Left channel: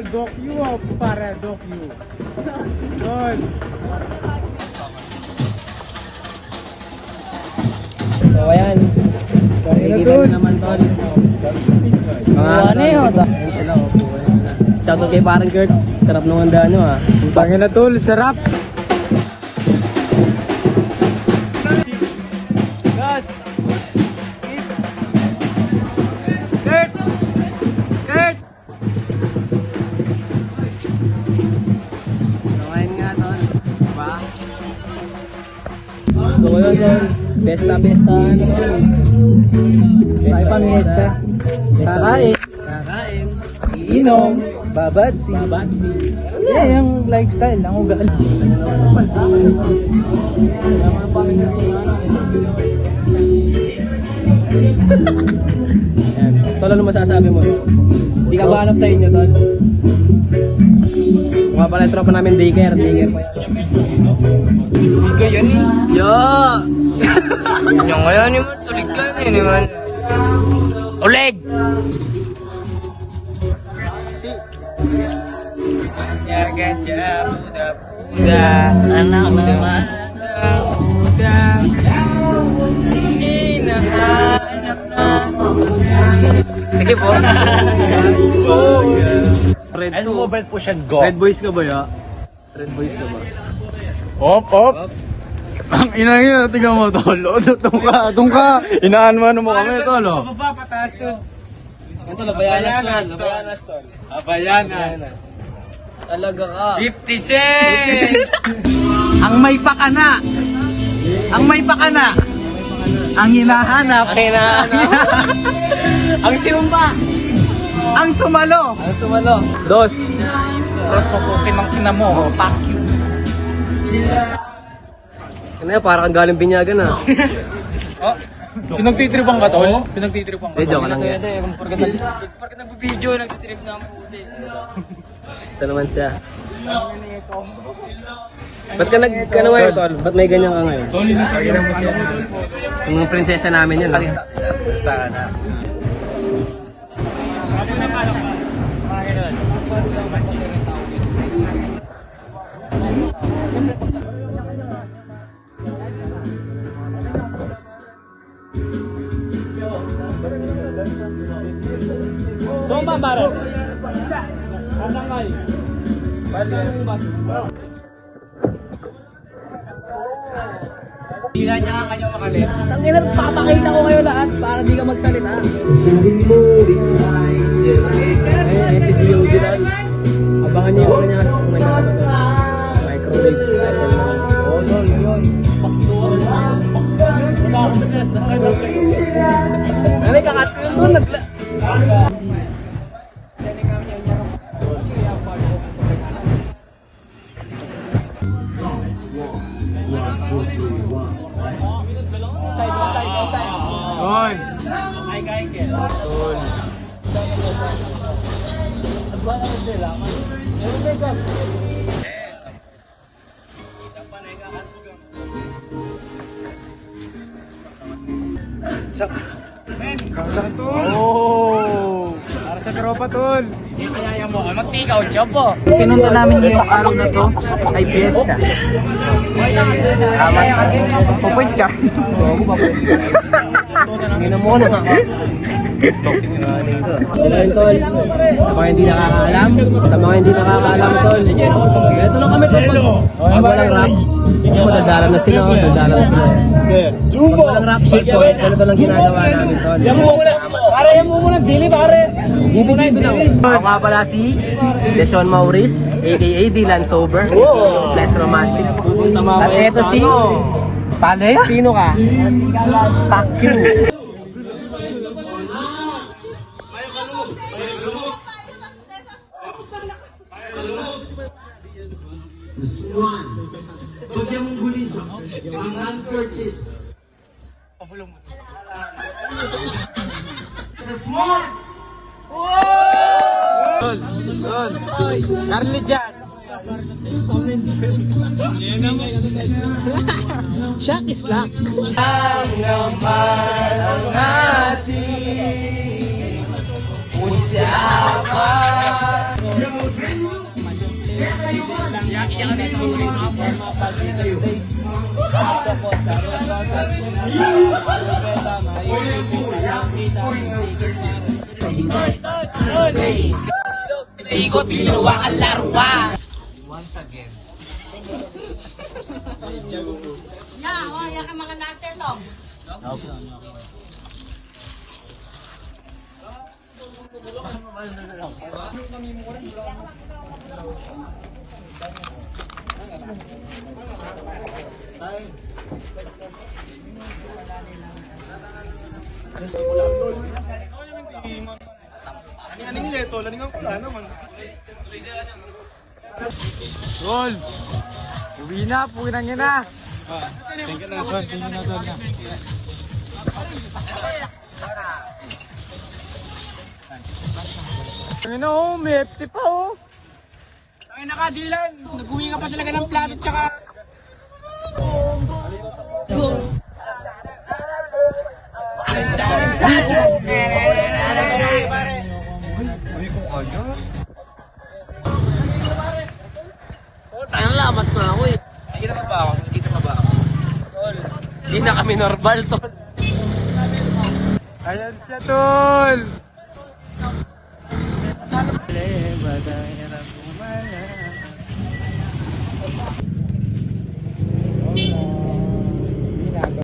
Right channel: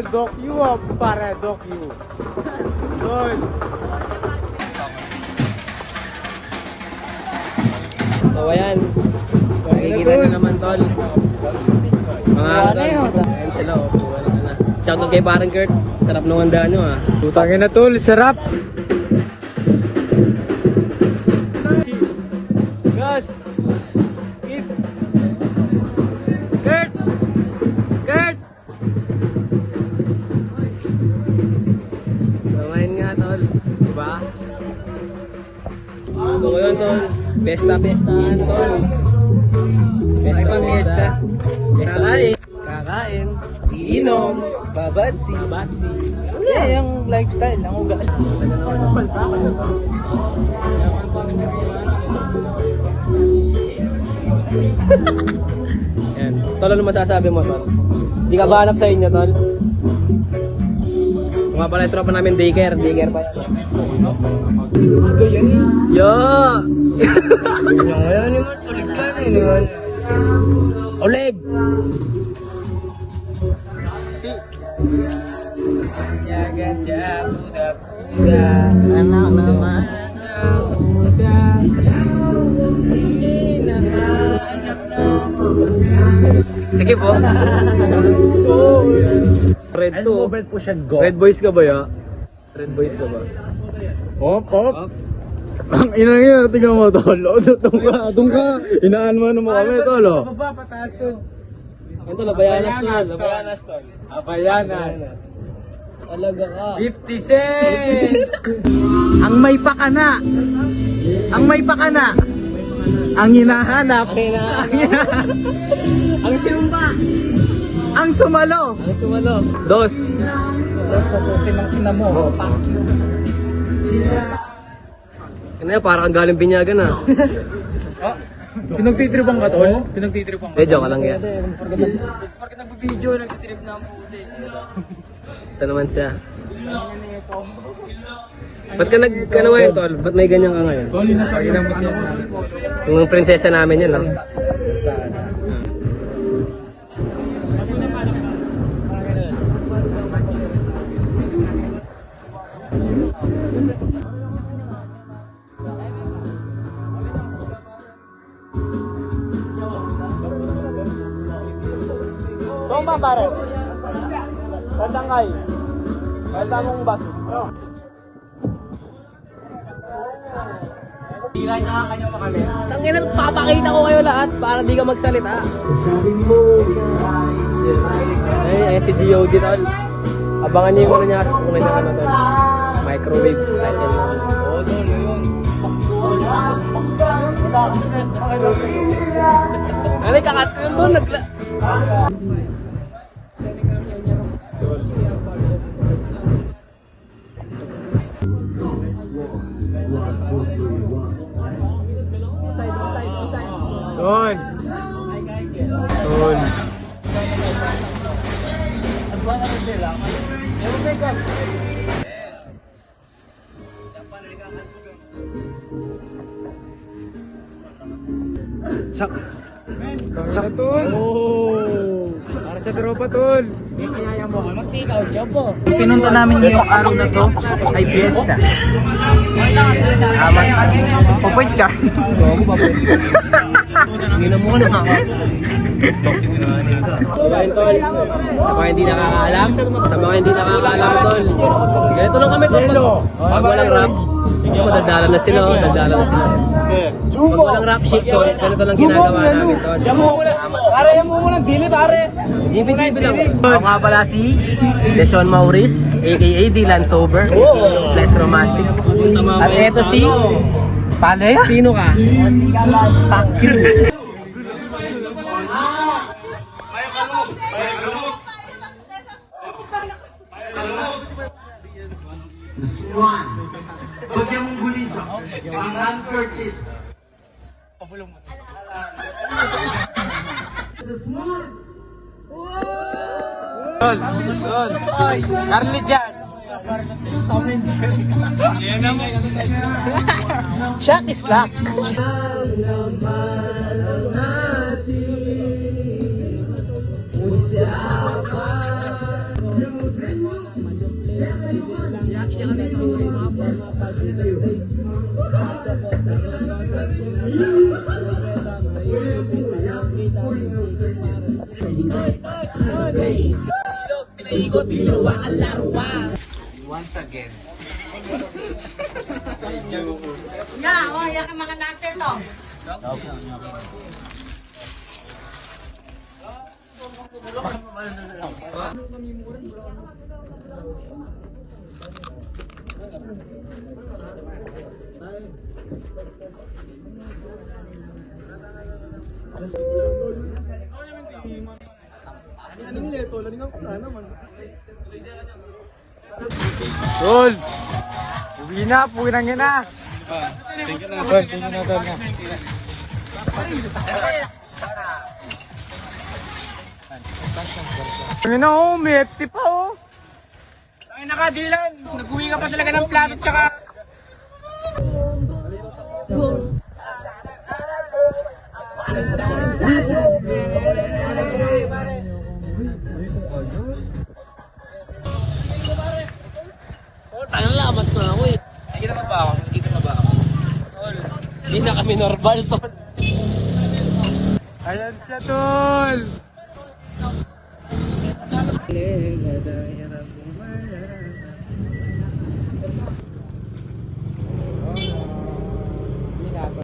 Tol, dock you para dock you. Tol. So ayan, nakikita nyo naman tol. Mga ano tol, ayun sila o. Shoutout kay parang Kurt, sarap nung handaan nyo ah. Putangin na tol, sarap. Gus! Keep! Kurt! Kurt! So ngayon nga tol, diba? So ayun tol, besta-bestahan tol. Besta-besta. Kakain. Kakain. Iinom. Babadsi. Babadsi. Ano yan? Yung lifestyle. Kita nyo naman. Palta. Ayan. Tol, ano masasabi mo tol? Hindi ka ba hanap sa inyo tol? Mga pala yung tropa namin daycare. Daycare pa yan. Ikaw yan eh. Yo! Yung ngayon yung tulig ka rin naman. Oleg! Gaganda, muda-muda. Anak naman. Muda. Hinahanap na. Sige po. Red And 2. mobile push and go. Red boys ka ba ya? Red boys ka ba? Op, op. Ang ina yun, tingnan mo tol. Doon ka. Inaan mo kami tol. Pababa, pataas tol. Yan tol, Abayanas tol. Abayanas tol. Abayanas. Talaga ka. 50 cents! Ang may pakana. Ang may pakana. Ang hinahanap. Ang hinahanap. Ang sinumpa. Ang sumalo. Ang sumalo. Dos. Tapos pupukin ng ina mo. Fuck you. Ano yan, parang galing binyagan ah. Oh, pinagtitripan ka tol? Pinagtitripan ka. Eh, joke lang yan. Pagka nag-video, nagtitrip na ang puti. Ito naman siya. Ba't ka ano ngayon tol? Ba't may ganyan ka ngayon? Yung prinsesa namin yun lang. Basta na. Kantang kayo. Kantang mong baso. Tangina, papakita ko kayo lahat para di ka magsalita. Ayun, si DOG tol. Abangan niyo yung ano niya, una niya ano tol. Microwave title lang. Ano yung kakat ko yun tol? Yun. Oh! Para sa tropa tol. Hindi kaya mo. Magtikaw, chopo. Pinunta namin yung araw na to ay fiesta. Tama sa pupunta ka. Hindi mo ano ha? So ngayon tol, sa mga hindi nakakaalam, tol, ganito lang kami tol, pag walang rap, yung madadala na sila, Pag walang rap shit tol, ganito lang ginagawa namin tol. Dibi-dibi lang. Ako nga pala si Deshaun Maurice, aka Dylan Sober, Best Romantic. At eto si, sino ka? Fuck you. Pagyan mong buliso. Ang Ron Curtis. Sa small. Tol, tol. Carly Jazz. Shock is luck. Ang naman ang ating usapan. Ikot, ginawa ang larwa. Once again. Ya ka mga natin to. Tol! Uwi na, puwinang yun na. Ano na oh, may FT pa oh. Ay nakadilan, nag-uwi ka pa talaga ng plato tsaka... Tayang lamat na ako eh. Nakikita ka ba ako? Nakikita ka ba ako? Tol, hindi na kami normal, tol. Ayan siya tol!